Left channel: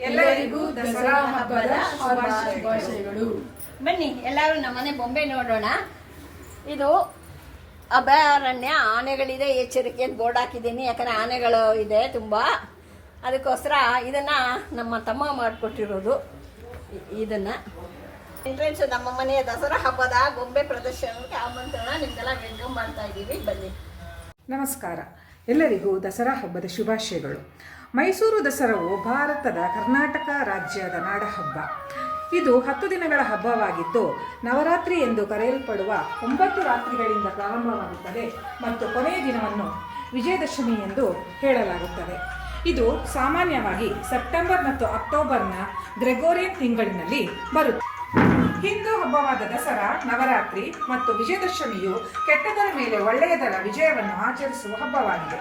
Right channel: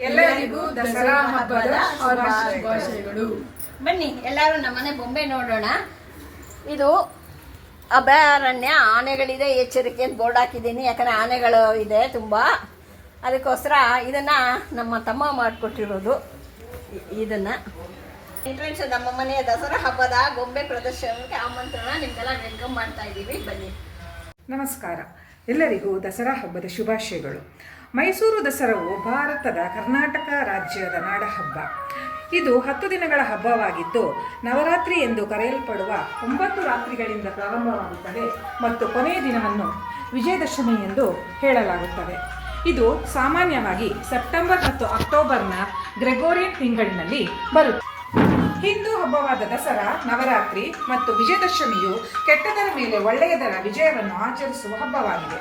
ಎಲ್ಲರಿಗೂ ದಸರಾ ಹಬ್ಬದ ಶುಭಾಶಯಗಳು. ಬನ್ನಿ ಎಲ್ಲರೂ ನಮ್ಮನೆ ಬೊಂಬೆ ನೋಡೋಣ. ಇದು ಅಭಯಾರಣ್ಯ ಆನೆಗಳಿದೆ ಎಚ್ಚರಿಕೆ ಅಂತ ಬೋರ್ಡ್ ಹಾಕಿದ್ದೀನಿ. ಯಾಕಂದ್ರೆ ಆನೆಗಳು ಇದೆ ತುಂಬ. ಅದಕ್ಕೋಸ್ಕರ ಇದನ್ನ ನಮ್ಮ ತಮ್ಮ ಮಾಡಿಕೊಟ್ಟಿರೋದು. ಇದನ್ನ. ಎಂಟ್ರೆನ್ಸ್ ನಮ್ಮ ಮನೆಯ ದಸರಾ ಹಬ್ಬದ ಗೊಂಬೆ ಪ್ರದರ್ಶನಕ್ಕೆ ಆಮಂತ್ರಣ ನಿಮ್ಗೆಲ್ಲ ವೆಲ್ಕಮ್ ಮಾಡ್ತಾ ಇದ್ದೀವಿ. ಬನ್ನಿ. ನಮಸ್ಕಾರ. ಎಲ್ಲರಿಗೂ ದಸರಾ ಹಬ್ಬದ ಶುಭಾಶಯಗಳು. ಮೈಸೂರು ದಸರಾವು ಭಾರತದ ಕರ್ನಾಟಕ ರಾಜ್ಯದ ನಾಡಹಬ್ಬ. ಇದು ಹತ್ತು ದಿನಗಳ ಹಬ್ಬವಾಗಿದ್ದು, ನವರಾತ್ರಿ ಎಂದು ಕರೆಯಲ್ಪಡುವ ಒಂಬತ್ತು ರಾತ್ರಿಗಳಿಂದ ಪ್ರಾರಂಭವಾಗುತ್ತದೆ ಮತ್ತು ಕೊನೆಯ ದಿನವನ್ನು ವಿಜಯದಶಮಿ ಎಂದು ಹೇಳಲಾಗುತ್ತದೆ. ಇದು ಸಾಮಾನ್ಯವಾಗಿ ಸೆಪ್ಟೆಂಬರ್ ಮತ್ತು ಅಕ್ಟೋಬರ್ನ ಗ್ರೆಗೋರಿಯನ್ ತಿಂಗಳಿನಲ್ಲಿ ಬರುತ್ತದೆ ಹಿಂದೂ ಹಬ್ಬವಾದ ದಸರಾ, ನವರಾತ್ರಿ ಮತ್ತು ವಿಜಯದಶಮಿಯು ಕೆಟ್ಟದರ ಮೇಲೆ ಒಳ್ಳೆಯದರ ವಿಜಯವನ್ನು ಆಚರಿಸುವ ಹಬ್ಬವಾಗಿದೆ.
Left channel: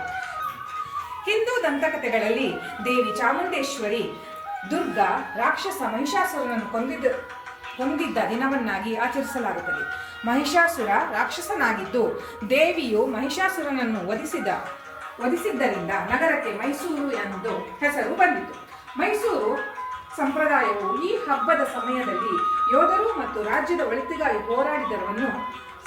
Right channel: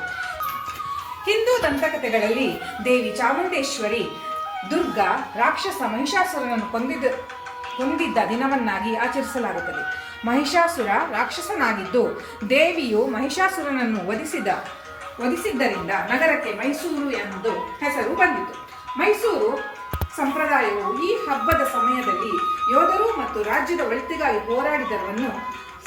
ಹಿಂದೂ ದಂತಕಥೆಗಳಲ್ಲಿ ದೇವಿ ಚಾಮುಂಡೇಶ್ವರಿ, ದುರ್ಗಾ, ರಾಕ್ಷಸ ಮಹಿಷಾಸುರನನ್ನು ಕೊಂದಿದ್ದ ಹೊಂದಿದ್ದ ದಿನವನ್ನಾಗಿ ಆಚರಿಸಲಾಗುತ್ತದೆ. ಮಹಿಷಾಸುರ ರಾಕ್ಷಸನಾಗಿದ್ದು, ದೇವಿಯು ಮಹಿಷಾಸುರನನ್ನು ವಧಿಸಿದ, ವಧಿಸಿದ್ದರಿಂದ ನಗರಕ್ಕೆ ಮೈಸೂರು ಎಂದು ಹೆಸರು ಬಂದಿತು. ಮೈಸೂರು ಸಂಪ್ರದಾಯವು ಈ ಹಬ್ಬದ ಸಮಯದಲ್ಲಿ ಯೋಧರು ಮತ್ತು ರಾಜ್ಯದ ಒಳಿತಿಗಾಗಿ ಹೋರಾಡಿದವರನ್ನು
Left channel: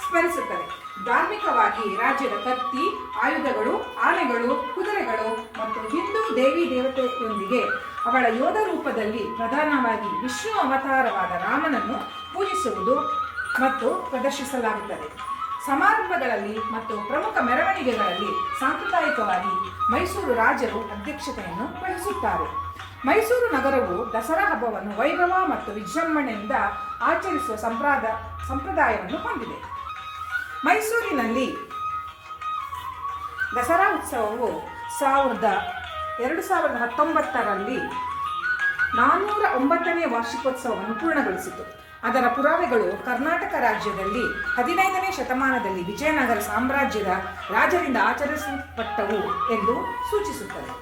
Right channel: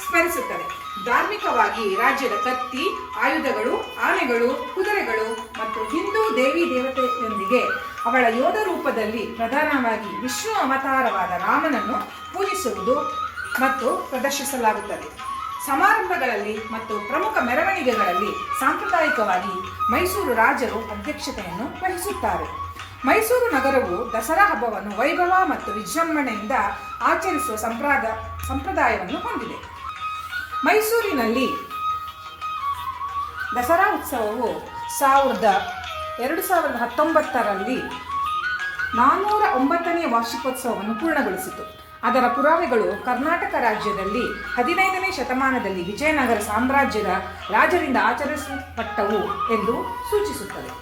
ಸ್ಮರಿಸುತ್ತದೆ. ಧಾರ್ಮಿಕವಾಗಿ ರಾಜ್ಯದ ಕತ್ತಿ, ಆಯುಧಗಳು, ಆನೆಗಳು, ಕುದುರೆಗಳು ಮತ್ತು ಹಿಂದೂ ದೇವಿ ದೇವತೆಯೊಂದಿಗೆ ಅವಳ ಯೋಧ ರೂಪದಲ್ಲಿ ಪ್ರಧಾನವಾಗಿ ವಿಷ್ಣು ಅವತಾರವಾದ ರಾಮನನ್ನು ಪೂಜಿಸುವುದು ಮತ್ತು ಪ್ರದರ್ಶಿಸಲಾಗುತ್ತದೆ. ಸಮಾರಂಭಗಳಲ್ಲಿ ಮತ್ತು ಪ್ರಮುಖ ಮೆರವಣಿಗೆಗಳಲ್ಲಿ ಸಾಂಪ್ರದಾಯಿಕವಾಗಿ ಮೈಸೂರು ರಾಜರು ಅಧ್ಯಕ್ಷತೆಯನ್ನು ವಹಿಸುತ್ತಾರೆ. ಮೈಸೂರು ನಗರವು ದಸರಾ ಹಬ್ಬವನ್ನು ವೈಭವ ಮತ್ತು ವಿಜೃಂಭಣೆಯಿಂದ ಆಚರಿಸುವ ಸಂಪ್ರಾದ ಸಂಪ್ರದಾಯವನ್ನು ಹೊಂದಿದೆ. ಮೈಸೂರಿನಲ್ಲಿ ದಸರಾ ಉತ್ಸವವು ಸಾವಿರದ ಎರಡು ಸಾವಿರದ ಹತ್ತೊಂಬತ್ತರಲ್ಲಿ ನಾನ್ನೂರ ಒಂಬತ್ತನೇ ವಾರ್ಷಿಕೋತ್ಸವವನ್ನು ಪೂರ್ಣಗೊಳಿಸಿತು. ಅದರ ಪುರಾವೆಗಳು ಕರ್ನಾಟಕ ರಾಜ್ಯದಲ್ಲಿ ಹದಿನೈದನೇ ಶತಮಾನದಲ್ಲಿ ವಿಜಯನಗರ ಸಾಮ್ರಾಜ್ಯದ ರಾಜರಿಂದ ಆಚರಿಸಲ್ಪಟ್ಟವು ಎಂದು ಸೂಚಿಸುತ್ತದೆ.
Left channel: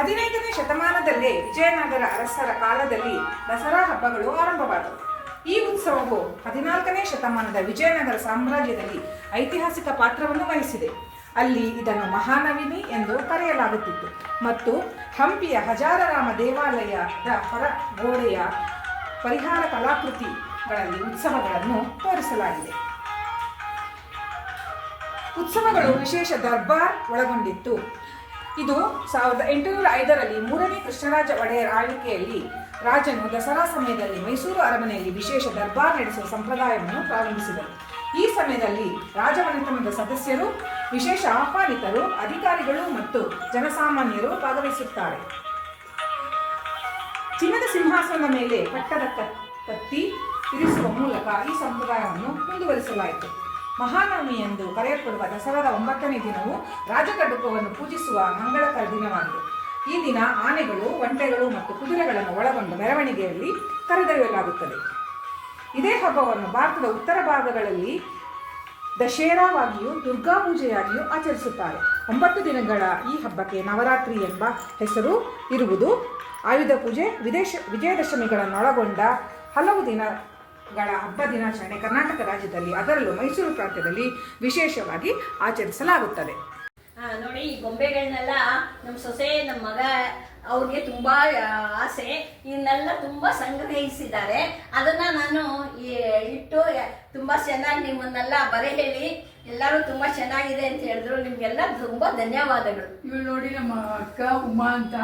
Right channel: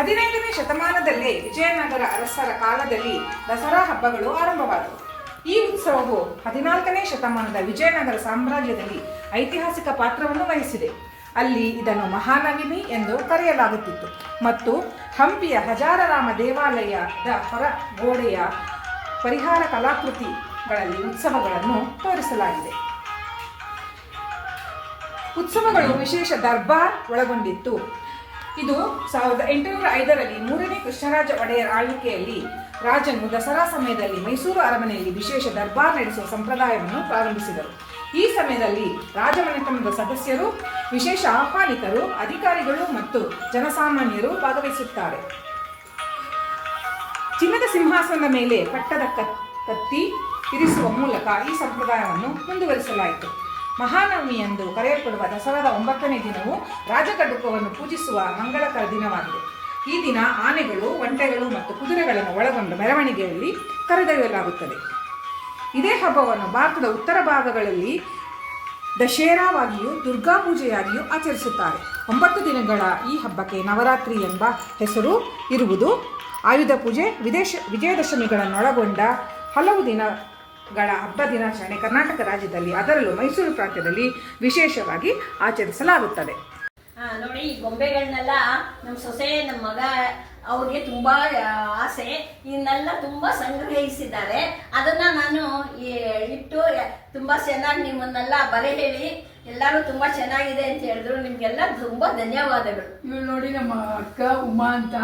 ಹದಿನೈದನೇ ಶತಮಾನದಲ್ಲೇ ವಿಜಯನಗರ ಅರಸರ ಕಾಲದಲ್ಲಿ ದಸರಾ ಹಬ್ಬಗಳು ಆರಂಭವಾದವು. ಈ ಉತ್ಸವವು ಹದಿನಾಲ್ಕನೇ ಶತಮಾನದ ವಿಜಯನಗರ ಸಾಮ್ರಾಜ್ಯದಲ್ಲಿ ಐತಿಹಾಸಿಕ ಪಾತ್ರವನ್ನು ವಹಿಸಿದೆ. ಅಲ್ಲಿ ಇದನ್ನು ಮಹಾನವಿನಿ ಎಂದು ಕರೆಯಲಾಗುತ್ತಿತ್ತು. ಮತ್ತು ಹಂಪಿಯ ಹಜಾರರಾಮ ದೇವಾಲಯದ ಹೊರ ಗೋಡೆಯ ಪರಿಹಾರ ಕಲಾಕೃತಿಗಳಲ್ಲಿ ಉತ್ಸವಗಳನ್ನು ತೋರಿಸಲಾಗಿದೆ. ಉತ್ಸವಗಳು ವಿಶೇಷ ದರ್ಬಾರ್ ಒಳಗೊಂಡಿತ್ತು. ಇದು ಸಾವಿರದ ಎಂಟುನೂರ ಐದರಲ್ಲಿ ಮೂರನೇ ಕೃಷ್ಣರಾಜ ಒಡೆಯರ್ ಆಳ್ವಿಕೆಯಲ್ಲಿ ರಾಜನು ದಸರಾ ಸಮಯದಲ್ಲಿ ಮೈಸೂರು ಅರಮನೆಯಲ್ಲಿ ವಿಶೇಷ ದರ್ಬಾರ್ ನಡೆಸುವ ಸಂಪ್ರದಾಯವನ್ನು ಪ್ರಾರಂಭಿಸಿದರು. ಈ ಸಮಯದಲ್ಲಿ ರಾಜಮನೆತನದ ಸದಸ್ಯರು, ವಿಶೇಷ ಆಹ್ವಾನಿತರು, ಅಧಿಕಾರಿಗಳು ಮತ್ತು ಜನಸಾಮಾನ್ಯರು ಭಾಗವಹಿಸುತ್ತಾರೆ. ಚಿನ್ನದ ಸಿಂಹಾಸನದ ಮೇಲೆ ಕಟ್ಟದ ಕತ್ತಿ ಇರಿಸುವ ಮೂಲಕ ಈ ಸಂಪ್ರದಾಯವನ್ನು ಮುಂದುವರಿಸಲಾಯಿತು. ಮಹಾನವಮಿ ಎಂದು ಕರೆಯಲ್ಪಡುವ ದಸರಾದ ಒಂಬತ್ತನೇ ದಿನವು ರಾಜಕಡುಕವನ್ನು ಪೂಜಿಸುವ ಮಂಗಳಕರ ದಿನವಾಗಿದೆ. ಈ ದಿನ ಆನೆಗಳು, ಒಂಟೆಗಳು ಮತ್ತು ಕುದುರೆಗಳನ್ನು ಒಳಗೊಂಡ ಮೆರವಣಿಗೆಯಲ್ಲಿ ಕರೆದೊಯ್ಯಲಾಗುತ್ತದೆ. ಇದೇ ಹಬ್ಬವನ್ನು ಭಾರತದ ಉತ್ತರ ಭಾಗಗಳಲ್ಲಿ ದಶೇರಾವಾಗಿಯೂ ದುರ್ಗಾ ಪೂಜೆಯಾಗಿಯೂ ಆಚರಿಸುತ್ತಾರೆ. ಒಂಬತ್ತು ದಿನಗಳ ಈ ಹಬ್ಬಕ್ಕೆ ನವರಾತ್ರಿ ಎಂಬ ಹೆಸರು ಇರುವುದು. ಆಯುಧ ಪೂಜೆ, ವಿದೇಶ, ವಿಜಯದಶಮಿಗಳನ್ನೊಳಗೊಂಡ ಹಲವು ದಿನಗಳ ಹಬ್ಬ ದಿನಾಚರಣೆ ಕರ್ನಾಟಕ ರಾಜ್ಯದಲ್ಲಿ ಅದರಲ್ಲೂ ಮೈಸೂರು ಪ್ರಾಂತ್ಯದಲ್ಲಿ ವಿಶೇಷವಾಗಿ ಆಚರಿಸಲಾಗುತ್ತದೆ. ನೋಡಿ ಈ ಗೊಂಬೆಗಳನ್ನೆಲ್ಲ ನಮ್ಮ ಸೊಸೆ ನಮ್ಮ ಮಗ ಅವ್ರಿಗೆ ತುಂಬಾ ಆಸೆ. ಇದನ್ನೆಲ್ಲ ತುಂಬಾ ಸಂಗ್ರಹಿಸಿದ್ದಾರೆ. ಅದನ್ನ ನಾನು ಈ ಇಟ್ಟು ತುಂಬಾ ಚೆನ್ನಾಗಿ ನಿಮ್ಮನ್ನೆಲ್ಲ ಬರೆ ಹೇಳಿ ಎಲ್ಲರೂ ತುಂಬಾ ಚೆನ್ನಾಗಿದೆ ಅಂತ ಹೇಳಿದ್ರು. ನಿಮ್ಗೆಲ್ಲ ತುಂಬಾ ಧನ್ಯವಾದಗಳು. ಇವ್ರು ನೋಡಿ ನಮ್ಮ ಅಕ್ಕ ಉಮಾ ಅಂತ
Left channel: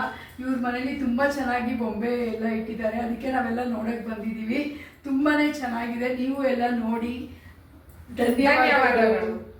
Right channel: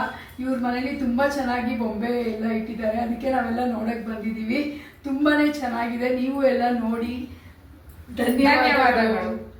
ಇವ್ರ ಮನೇಲಿ ತುಂಬಾ ಚೆನ್ನಾಗಿ ಬೊಂಬೆ ಎಲ್ಲ ಇಟ್ಟಿದ್ದಾರೆ. ಅದಕ್ಕೆ ನಾವೆಲ್ಲ ನೋಡಕ್ ಬಂದಿದೀವಿ ತುಂಬಾನೇ ಚೆನ್ನಾಗಿದೆ. ನೀವು ಎಲ್ಲ ನೋಡಿ. ಧನ್ಯವಾದಗಳು.